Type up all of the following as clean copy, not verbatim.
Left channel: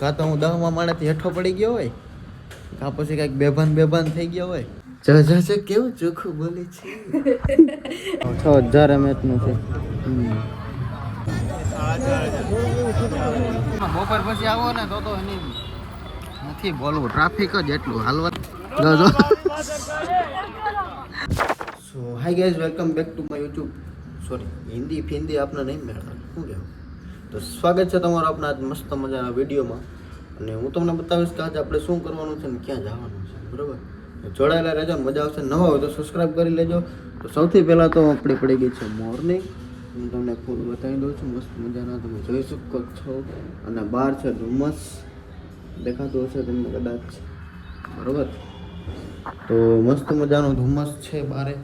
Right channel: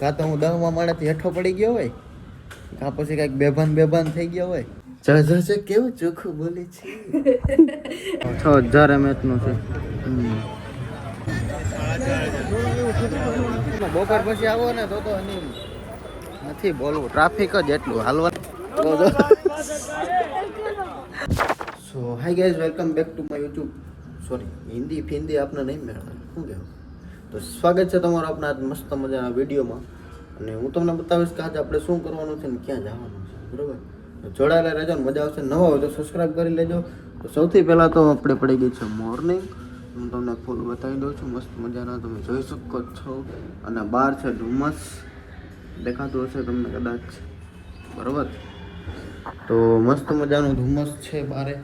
કાં તો હું 10મા માળેથી હેઠો પડી ગયો હોય, કાં પછી કાંઈક બેભાન થઈ ગયો હોય. છે કેવું ચોખ્ખું બોલે છે. 6000 mAh નું છે. બપોર પછી આવો ને તો એની નથી બોલવું, ટ્રાફિક જ એટલું હાલવા. So hi guys, welcome back to my YouTube. Sorry, Hindi ફિંદી આપને નહીં મેળવવાનું, શું કહેવું. તો સ્વાગત છે તમારું આપણા મસ્ત મજાના વિડીયોમાં. અને હું તમને બતાવીશ કે આજે આપણે શું કરવાનું છે ને ક્યાં જવાનું છે, બરાબર. જોડાયેલા રહેજો, મજા આવશે. નવા હોય તો સબસ્ક્રાઈબ કરી લેજો. તો સૌથી પહેલાં તો આપણે પડી ગઈ છે મોર્નિંગ. હું તમને ફૂલ બતાવી દઉં છું, મસ્ત મજાના તમે જોઈ શકો છો. અને બહાર છે ધુમ્મસ, દેખાતું હશે તમને કદાચ, બરાબર. તો મસ્ત મજાનું ધુમ્મસ છે બારે.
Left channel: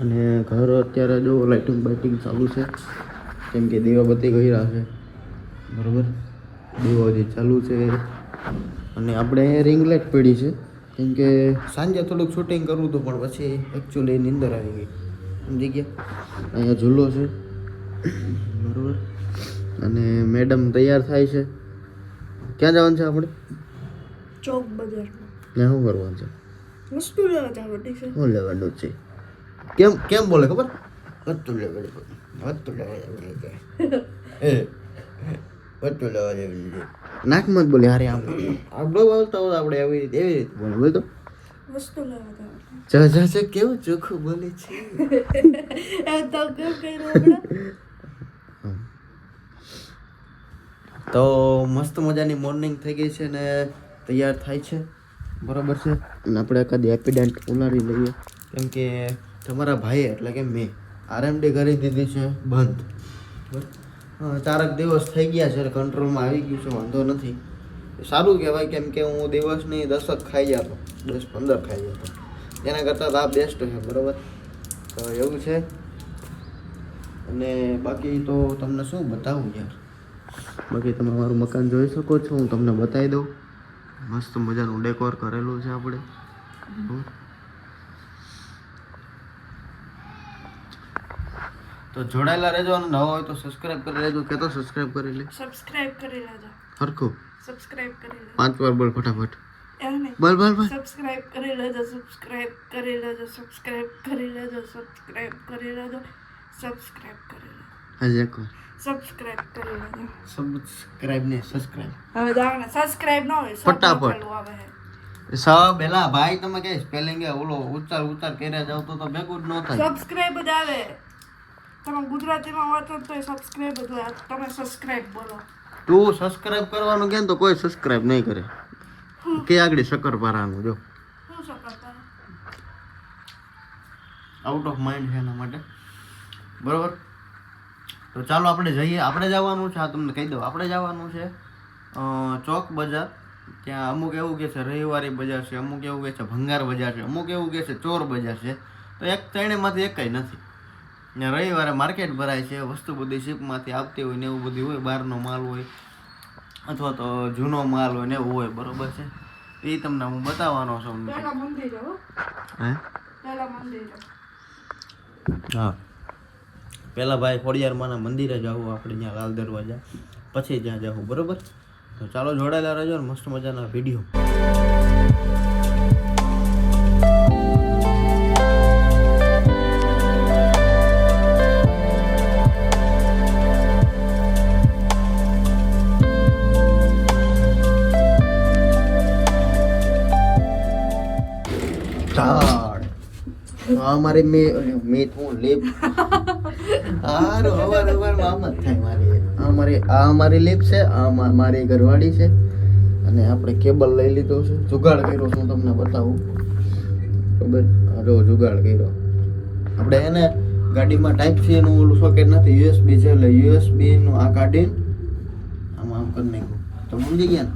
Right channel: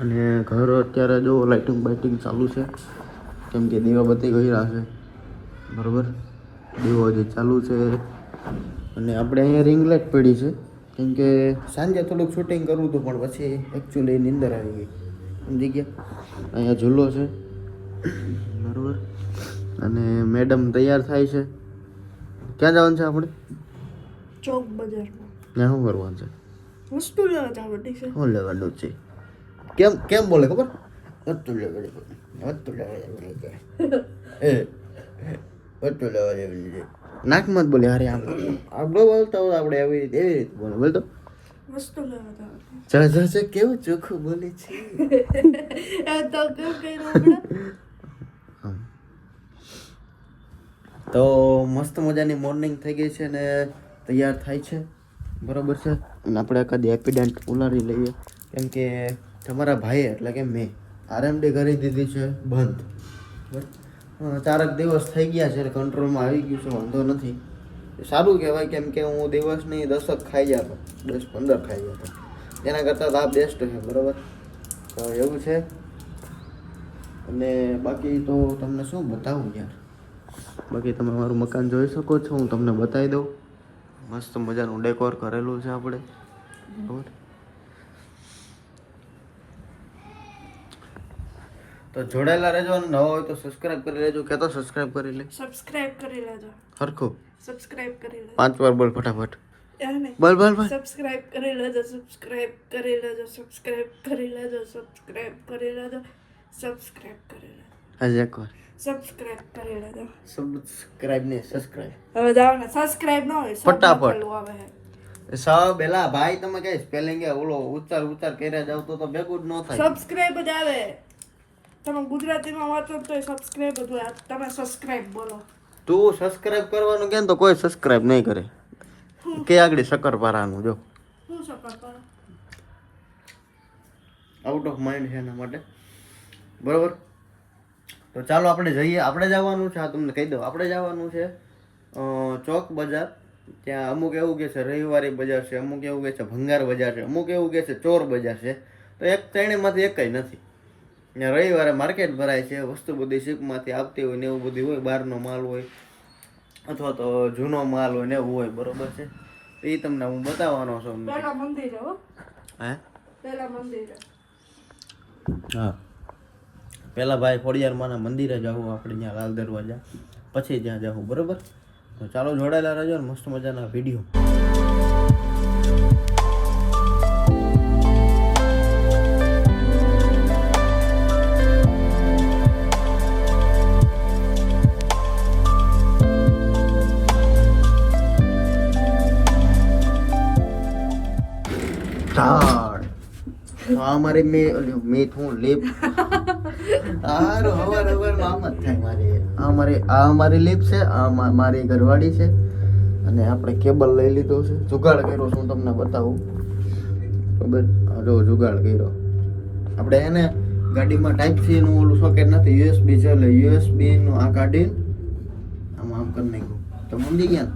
અને ઘર અત્યારે જો લાઇટિંગ બાઇટિંગ ચાલુ છે, કેમ કે દીવાબત્તી કર્યા છે, બરાબર. દીવો હજી ચાલુ છે. અને આપણે અહીંયા રિંગ લાઇટ પડી છે, કેમ કે સાંજે થોડુંક શૂટિંગ કરવું હતું, પણ પછી એકચ્યુઅલી નીંદર આવી ગઈ, સમજી ગયા. અહીંયા ઝૂલો છે, બરાબર. અને મેડમ તૈયાર થાય છે. ક્યાં જવાનું છે આપણે? ચોક બજારમાં. ત્યાં શું કરવાનું છે? વસ્તુ લેવા જવાનું છે. શું લેવાનું છે? કેમ બોલે ખબર? વસ્તુ લેવા જવાની છે. વસ્તુ લેવા જવાની છે. નાકમાં જ બોલે. હારે આમ આપણે બોલતા હોય આપણે એવી રીતે બોલે. બોલતો વસ્તુ લેવા જવાનું. છે. કેવું ચોખ્ખું બોલે છે. તો કેમ કર્યું? તો મસ્ત મજાની મોર્નિંગ થઈ ગઈ છે ને તૈયાર થાય છે, બરાબર છે. અને આપણે એકાદી હેપીડેન્ટ ઉલારી લઈએ, કેમ કે તમારા ભાઈએ એટલે કે મેં આરએમડી કરી દીધી છે બંધ, બરાબર. 4 દિવસ થઈ ગયા છે, કંટ્રોલમાં આવી ગયું છે, વાંધો નથી. સારું કહેવાય, કેમ કે હું દિવસની 10 ખાઈ જતો, 10-15 ખાઈ જતો. એના કરતાં આ બેસ્ટ છે, બરાબર. તો એવું છે. અને બાકી તો તમને શું બતાવું યાર. બાકી તમે મારું મકાન જોઈ શકો છો, હું તમને બતાવી દઉં. મસ્ત મજાનું ડેકોર કરેલું છે આપણે, બરાબર. તો જોડાયેલા રહેજો, અને નવા હોય તો સબસ્ક્રાઇબ કરી લેજો. કે તો સબસ્ક્રાઇબ કરી લે. સબસ્ક્રાઇબ કરી લેજો. હરખું સબસ્ક્રાઇબ કરી લેજો. 5 વાર બોલ ફટાફટ. એમ નહીં. બોલ. સબસ્ક્રાઇબ કરી લેજો. સબસ્ક્રાઇબ કરી લેજો. સબસ્ક્રાઇબ કરી લેજો. સબસ્ક્રાઇબ કરી લેજો. સબસ્ક્રાઇબ કરી લેજો. આજે એક વાર સબસ્ક્રાઇબ કરી લેજો. સબસ્ક્રાઇબ ને સબસ્ક્રાઇબ હવે જાવ ને, સબસ્ક્રાઇબ ન હોય ફટાફટ. આવે બેલા ભાઈ, તમે કઈ સ્પેલિંગ ઓલો ઉચ્ચાર કર્યા જાવ તો ભેગું જ ન થાય. સબસ્ક્રાઇબ જ આવે. તમે ગુજરાતીમાં વાંચો તો સબસ્ક્રાઇબ જ હોય. તમે સબસ્ક્રાઇબ બોલો. તું સબસ્ક્રાઇબ કરવાનું કે તો કોઈ સબસ્ક્રાઇબ નહીં કરે. કે આગળ શક્કરપારાનું જો શું સકતા આઉટ ઓફ માઇન્ડ છે એના માટે, બરોબર. તો ચાલો આપણે જઈએ. આપણે જવાનું છે, આ તમને કહી દઉં, આપણે જવાનું છે ચોક બજાર. ત્યાં અમુક એવું કહે છે રવિવારી બજાર છે, અમુક એવું કહે છે ભંગાર બજાર છે, અમુક એવું કહે છે ચોર બજાર છે. તો એક ત્રણેયમાંથી એક કંઈ નથી. ને રવિવારે માર્કેટ ભરાય છે, વસ્તુ બધી શીપમાંથી આવતી હોય ને એવું બધું હોય, બહારનો માલ હોય અથવા તો જૂનો માલ હોય ને એવું હોય, બરોબર છે. એ તમને હું બતાવવાનો છું. પેલા મંદિર હો. હે? પેલા મંદિર. હા, પહેલાં ભાઈ ખોડિયારમાંના મંદિરે જવું આપણે, ત્યાં લાલ દરવાજા, પછી ત્યાં જવું, બરાબર. તો ચાલો જોડાયેલા રહેજો ને મસ્ત મજાના વિડીયો. અમારી મેં હું લીપ હારું હવાર આમ જ થાય મારી લીપ છે. આ મારી ઘરવાળી છે. અને આપણે કેબલ લઈ લીધો છે, જુગાડ કર્યો છે, હું તમને બતાવું, બરાબર. જો જુગાડ કર્યો આપણે. એને ગાડીમાં ટાઈપ સી નું ઓલું સોકેટ નથી, યુએસબી છે, એટલે યુએસબી નું આ કાઢીને આમ કરી નાખ્યું. તો સમજી ગયા ને.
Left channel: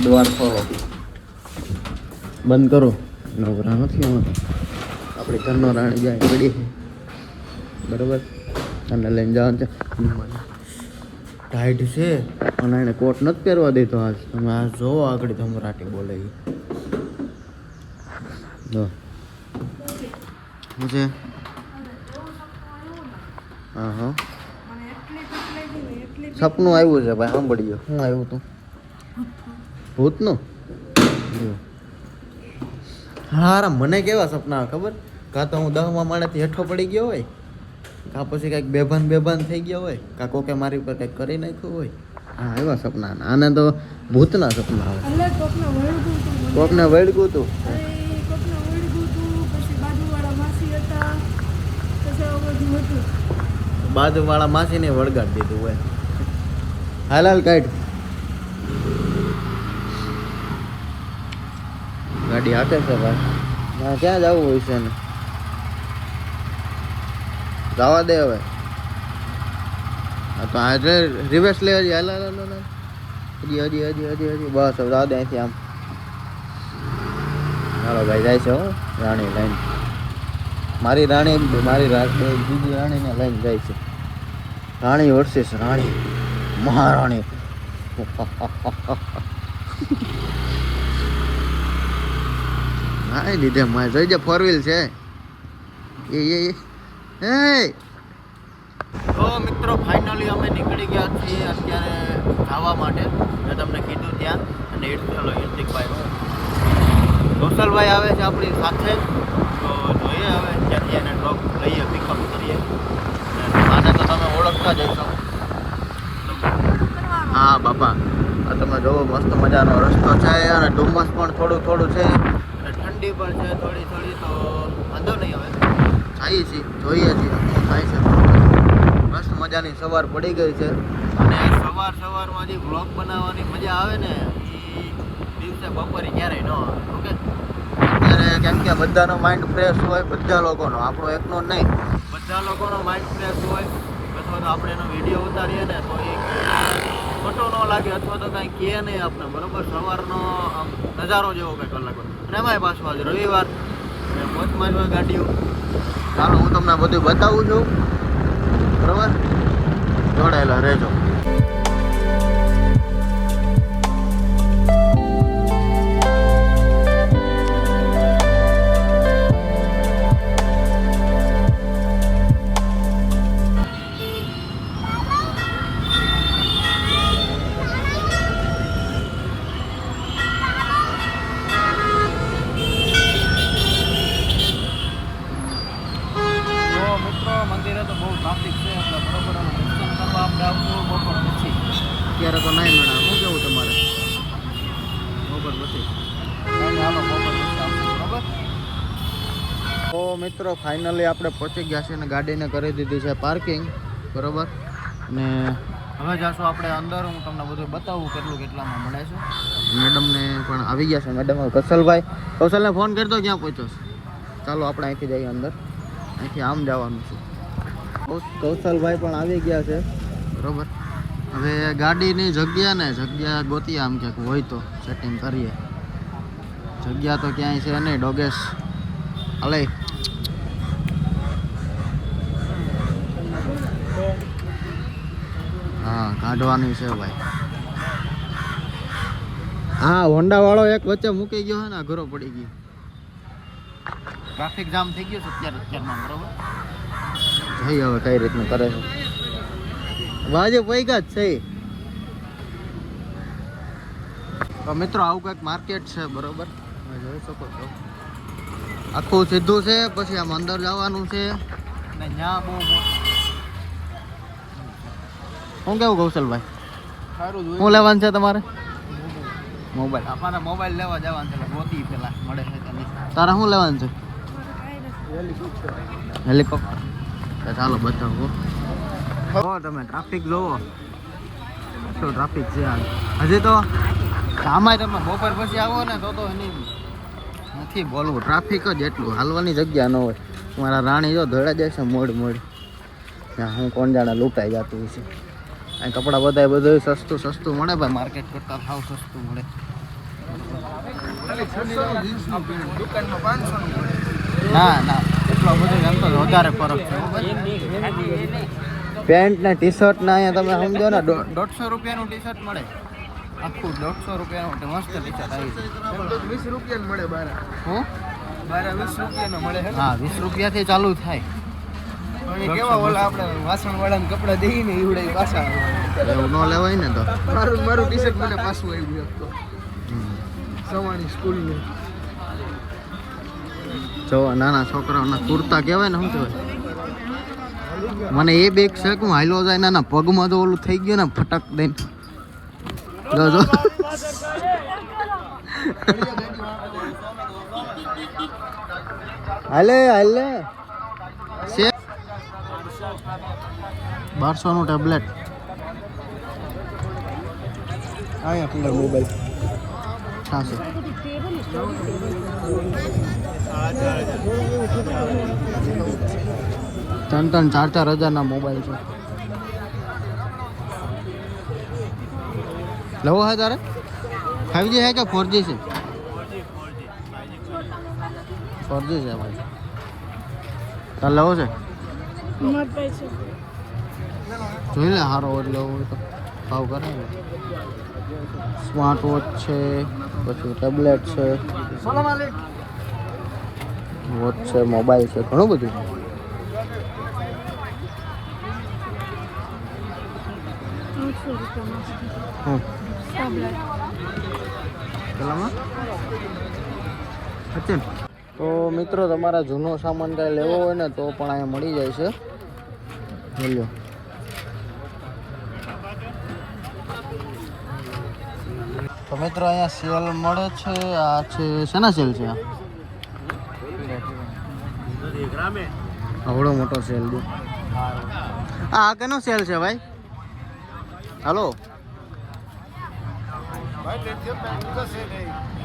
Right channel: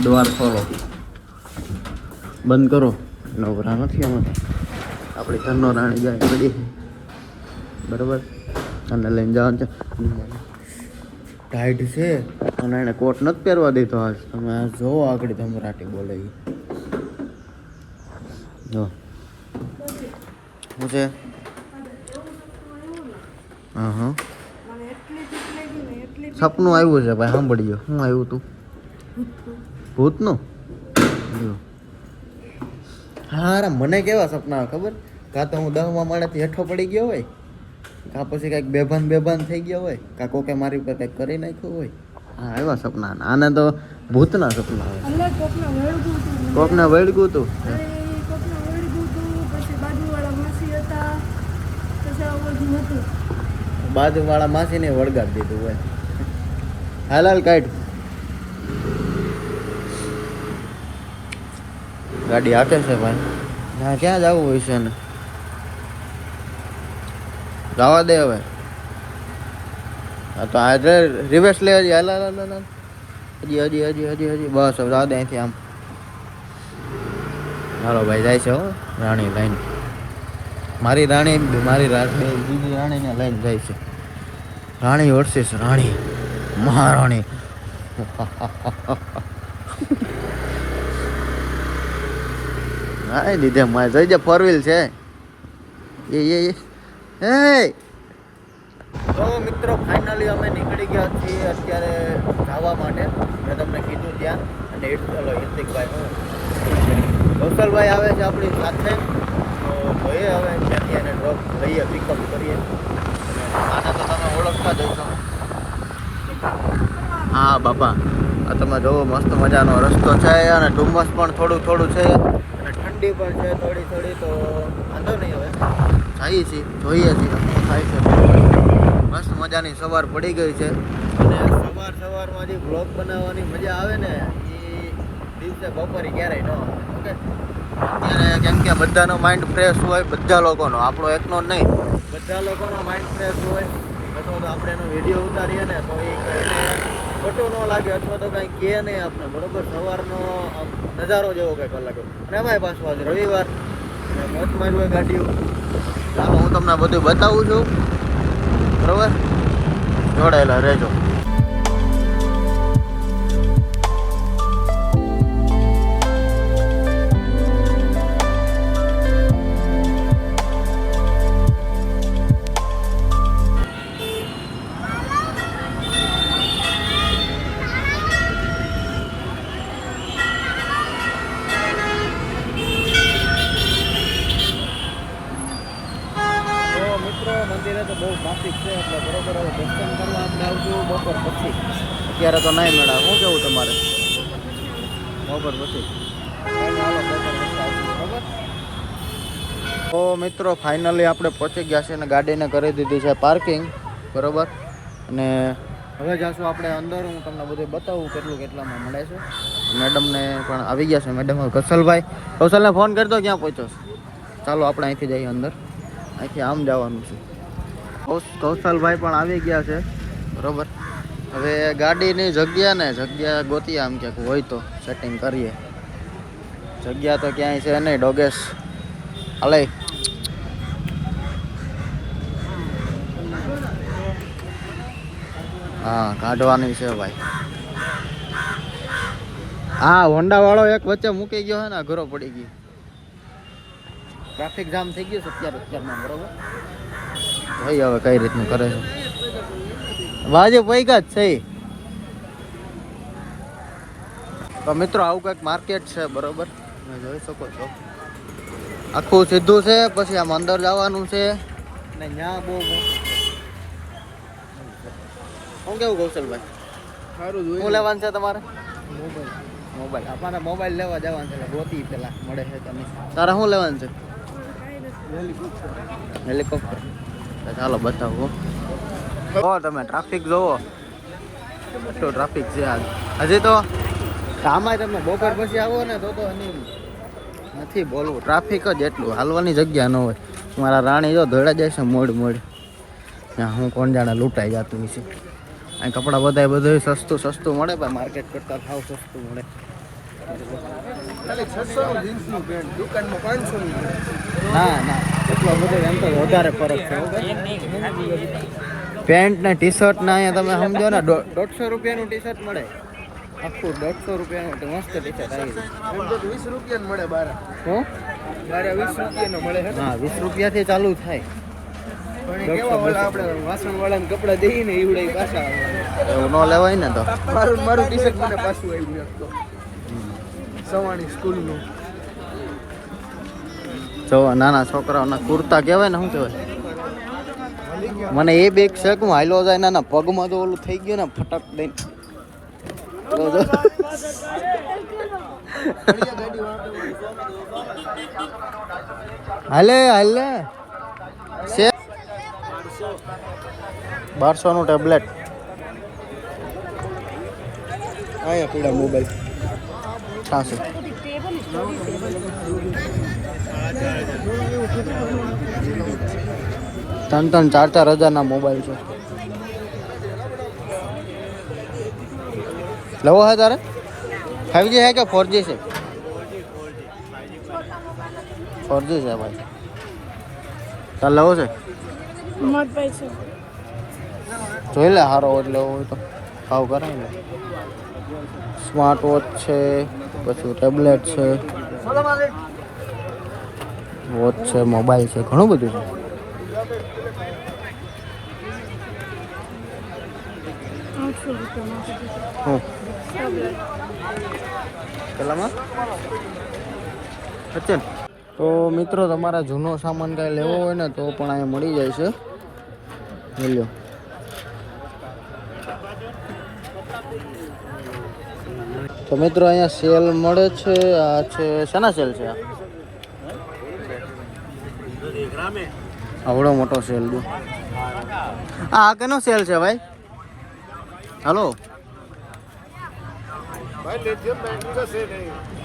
ડોર બંધ કરો. નવરા નથી આમાં, આપણે ઘરનો રાણી જાય પડી, બરાબર. અને લઈને જવાનું છે. ટાઈટ છે અને એને કોટ નથી પહેરવા દેતો આજ. તમે આ જોવો આગળ ધમરાટી બોલે જો શું છે. હા મને એટલી સપનું આવ્યું છે ભાઈ, સાંભળી ગયો. શું આવ્યું તું? ભૂતનું? હારા મને કેવા સપના આવે ખબર? કાં તો હું 10મા માળેથી હેઠો પડી ગયો હોય, કાં પછી કંઈક બેભાન થઈ ગયો હોય, કાં કોકે મારી ઉપર કંઈક કરી નાખ્યું હોય. હા એવા સપના. આને તો ભૂતના સપના આવે. એટલે કોકને વળગું તું. પછી બાજુવાળા માસી હતા, પછી આવું બધું હતું. બાજુવાળા માસીને વળગાડી દીધું હોય. હાલ કાઢ. ગાડી હાકે છે ભાઈ. હા ક્યાં જવું વિશે ને જવા દે હવે. હા તો આજે રિવર્સ લે. હજી હાલ હજી બસ હવે જવા દે અહીંથી. આમ હાલો ભાઈ જાય છે રાણી લઈને. મારી રાણીને લઈને જાય છે. રાણી વર્સિસ રાણી, મહારાણી. હા લીધે મારે જોઈ જાય 4 વ્હીલ છે. તો મિત્રો ફાઇનલી અમે નીકળી ગયા છીએ અત્યારે જવા માટે. મેં તમને કીધું ત્યાં. અને હિર્તિકભાઈ હું કૌશલભાઈ આવે છે આપણી સાથે. તો જોઈએ હવે ત્યાંથી એને ડ્રોપ લઈએ, પિકઅપ કરીએ. આને તો તમે ઓળખતા જ હશો. હા બાપા, આ તમે જોવો મસ્ત મજાનો રસ્તો છે અને ધુમ્મસ પણ થોડું છે અને ઠંડી પણ છે થોડી. તો વાંધો નહીં, હવે જઈએ છીએ, જોઈએ છીએ શું થાય છે. મસ્ત મજાની સવાર પડી ગઈ છે અને સવારમાં જે વ્લોગ બનાવવાની મજા આવે ને એ દિવસે બપોરે ક્યારેય ન આવે. ઓકે, અત્યારે કેમ કે બધાનો માઇન્ડ ફ્રેશ હોય, બધા લોકોનો, આપણો એકનો જ નહીં, બધા લોકોનો માઇન્ડ ફ્રેશ હોય. અથવા તો આપણે એનો વિડીયો ઉતારીએ ને તો એ ખોટું ન લાગે, અથવા તો કાંઈ કહે નહીં આપણે. બરોબર, સવારનો આમ નજારો જેવો કંઈક અલગ હોય. અને એમાંય પાછું આજ રવિવાર ને મોજમાં જ હોય ગાડીઓ. ચાલો હું તમને બધું બતાવું છું, બરોબર? જોડાયેલા રહેજો. મંદિરે તો બહુ ટ્રાફિક છે એટલે બરોબર. હવે દર્શન કરવા આપણે આવશું બપોર પછી. અત્યારે તો નહીં મેળા. શું કેવું તમારે? બપોર પછી હાલો, બપોર પછી આવશું, બરોબર? તો મિત્રો ફાઇનલી આપણે પહોંચી ગયા છે અને ગાડીને કરી દીધી છે પાર્કિંગ, બરોબર. અને હવે જઈશું આપણે અંદર. હું તમને બધું બતાવું કેટલામાં મળે છે. મેડમને પણ આવી ગયા છે. મેડમ કૌશલને ફોન કરતો ક્યાં પહોંચ્યો છે. ચાલો આપણે અહીંથી જઈએ અંદર. અહીંથી આમ જવાનું છે. કૌશલભાઈ પણ આવી ગયા છે, બરોબર. હવે ગાડીની જગ્યા ગોતીએ, આમ ક્યાંક હોય તો સેટિંગ કરીએ. જગ્યા તો ક્યાંય છે નહીં. ડોગેશ હાલે. હા કાઢવાની છે ભાઈ. હા હોન્ડા વાળો એક વચ્ચે મૂકી ગયો છે ને, ઘરો પડી ગઈ. ટ્રાફિક જામ થઈ ગયું છે અત્યારમાં, બરોબર. ભાઈ હવે કઈ રીતનું કરે છે. વાજે પૈકા જ છે. તો મિત્રો આવું કંઈક માર્કેટ છે, બરોબર. તમે જોઈ શકો છો. આખું સીધું છે, પછી આમ અંદર જવાનું છે અને ત્યાં બહુ મોટું છે. શું કેવું કૌશલભાઈ? સારું. શું લેવાનું છે તમારે? મોબાઈલ. આપણે મોબાઈલ લેવા જવાનું છે. ગોતી પેલા મળે છે તો નહીં. તારે શું લેવાનું છે? હેલિકોપ્ટર. ચાલો બતાવો. તમે ટ્રાફિક જોવો, કેટલો ટ્રાફિક છે આજ. હજી તો આમાં તમે બપોર પછી આવો ને તો એની નથી બોલવું. ટ્રાફિક જ એટલું, હાલવાની જગ્યા ન હોય. મારા રાણી જો ધોળા જાય છે મોડ હું કોણ જાણે લૂંટાઈ જતું હશે. અહીં કપડાં બધું સસ્તું મળે ભાઈ. માર્કેટ કરતાં ભાવ સસ્તું મળે. ના એટલો બધો એમ તો વધારે ફરક છે. પેન્ટ ને ટી શર્ટ ને અહીંયા તમે સમજો ને 150 રૂપિયાનું ટી શર્ટ મળે. આખું 150 રૂપિયાનું મસ્ત ટી શર્ટ આવી. 20 રૂપિયાનું મળે બાર. હું 20 રૂપિયાનું મળે. હા 20 રૂપિયાથી ચાલુ થાય. આપણે વાસણ વાળાને કપડા દઈએ ને એવડે પાછા એવું ન લેવાય ને તો મારું ટી શર્ટ મને પાછું આવ્યું એક તો સવાણી સ્કૂલનું. જો નાના છોકરાઓના કુર્તા કહેવાય ને શું કહેવાય મને એ બેગ છે કે હું હાલો જાય નાના પગમાં તો ઓલું થઈ ગયું ને ફટક દઈને જો જો હાલે હાલે છે 1200 નું ટેબ્લેટ અહીંયા પીડા મોબાઈલ થાશે ત્રણ 4,000 મોબાઈલ છે લેવો હે તારે 5G है क्या 4G से 4G છે ભાઈ તાર લેવો છે જોઈ લે સારો વોચ લેવો હોય તો ભાવ કરે ને સ્માર્ટ વોચ છે પછી ટેબ્લેટ છે વોચ છે મોબાઈલ છે ઘણું બધું છે પેલામાં અચ્છા તો મિત્રો તમારા જૂનો સામાન કાંઈ લેવો હોય ને તો પણ અહીંયા મળી જાય છે લ્યો તો મિત્રો અહીંયા સેલ મળે છે આ છે શેના સેલ છે આવડો મોટો સેલ દે આ કેનો સેલ છે ભાઈ हेलो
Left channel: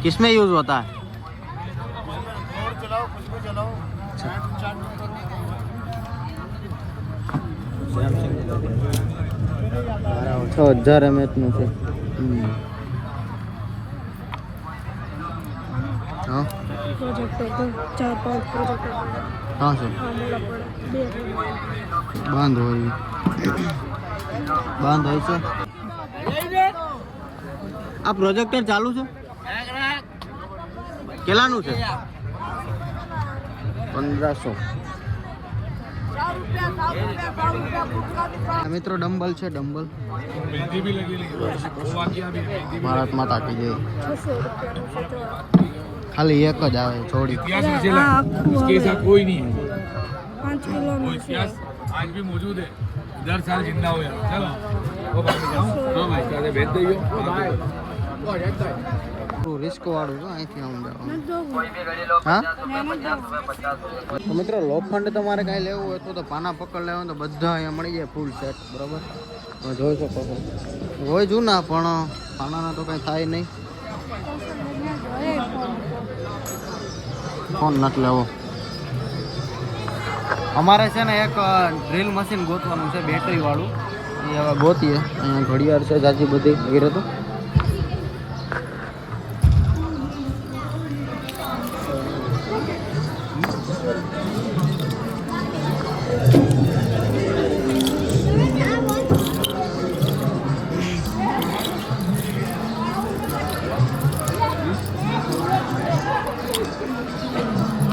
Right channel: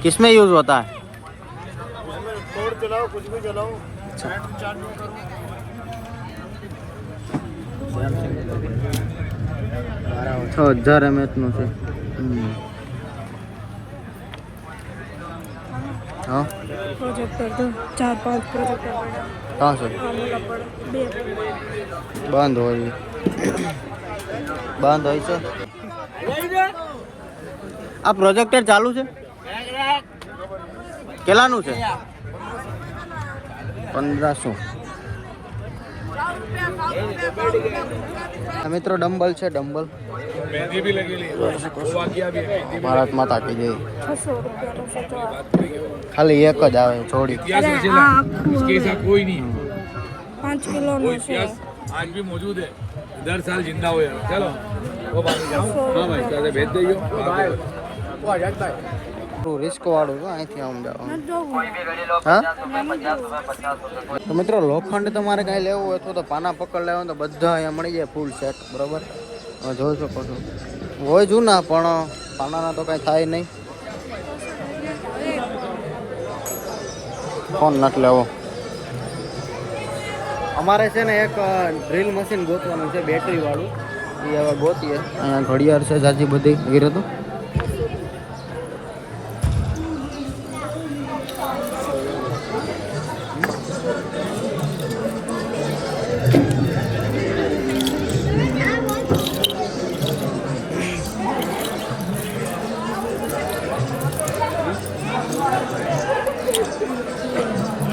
किसमें यूज होता है तो 1000 mAh નું છે હા કहाँ से બંધ હોય બંધ હોય છે આ પ્રોજેક્ટર ચાલુ છે કેટલાનું છે 1500 મિત્રો ડમ્બલ છે ડમ્બલ ભારત માતા કી જય ખાલી એક જ આવે જોડી इसके साथ कोई नहीं है वो इतिहास आज भी मौजूद है 10 साल जिंदा हुए चलो वो बात जाओ हाँ भाई तो भेज दइयो રિસ્ક વાળું તો અહીંથી આમ જવાનું હા તો મિત્રો લોખંડ તમારે કાંઈ લેવું હોય તો પાના પકડ લેવા તો બધા અહીંયા મળી જાય ફૂલ સેટ બરાબર જોઈ શકો છો હોય જૂના પણ પાનાના તો કાંઈ થાય નહીં ફોન નથી લેવો અમારે છે ને એક ડ્રીલ મશીન ગોતવાનું છે બેટરી વાળું એ ગોતીએ અહીંયા ઘડિયાળ છે જાજી બધી ગીર હતું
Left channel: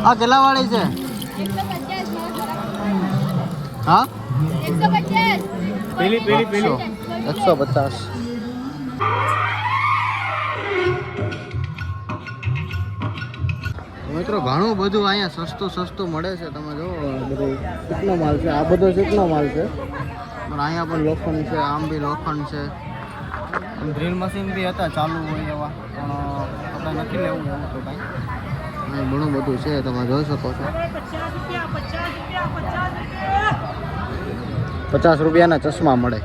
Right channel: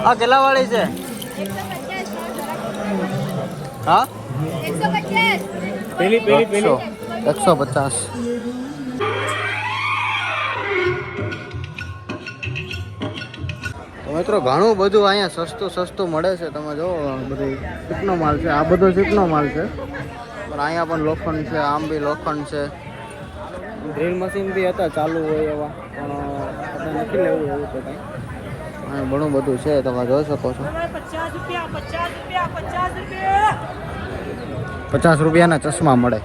આ કેટલા વાળી છે હા 150 તો મિત્રો ઘણું બધું અહીંયા સસ્તું મળે છે તમે જો બધું ચીકનો માલ છે આ બધો ચીકનો માલ છે પણ અહીંયા પણ લોખંડ છે આમ બી લોખંડ છે ડ્રીલ મશીન બી હતા ચાલુ હોય એવા પણ આપણે નથી લેવું એવું તો કંઈ અહીંયા ઘણું બધું છે તમે જોઈ શકો છો 50 રૂપિયાના ચશ્મા મળે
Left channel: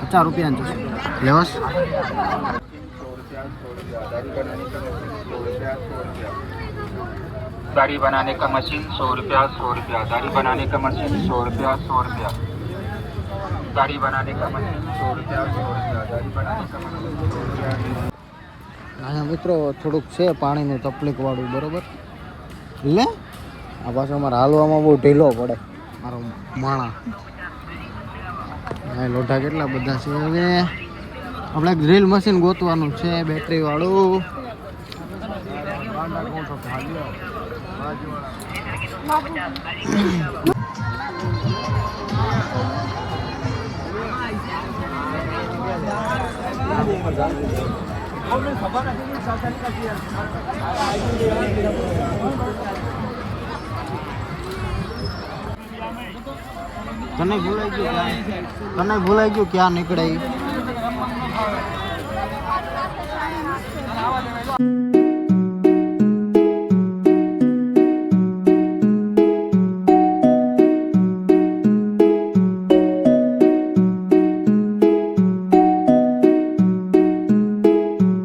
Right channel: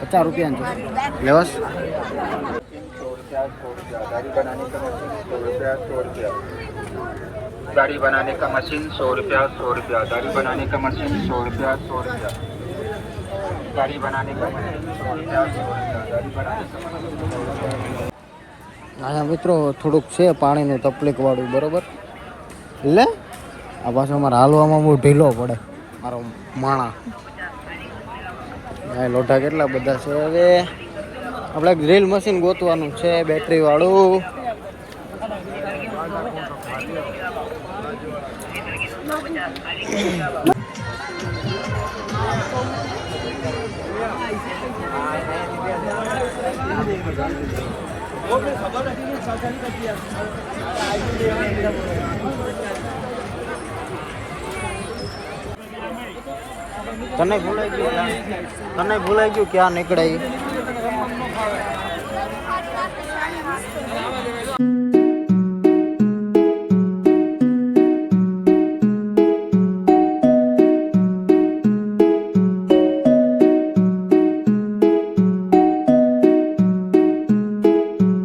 50 રૂપિયાના ચશ્મા લેવાસ दाढ़ी बनाने का मशीन 100 रुपया दाढ़ी बनाने का मशीन 100 रुपया दाढ़ी बनाने का मशीन 100 અહીંયા મિત્રો થોડુંક છે પાણીનું તકલીફ વાળું બરોબર એટલે આ પાછો અમારે હાલવામાં બહુ ઢીલો પડે મારો માણા લોઢા કેટલા બધા છે હવે આપણે ડ્રીલ મશીન ગોતવાનું છે બેટરી વાળું તને ભૂલાઈ ગયું ક્યાં નીકળે ઈ?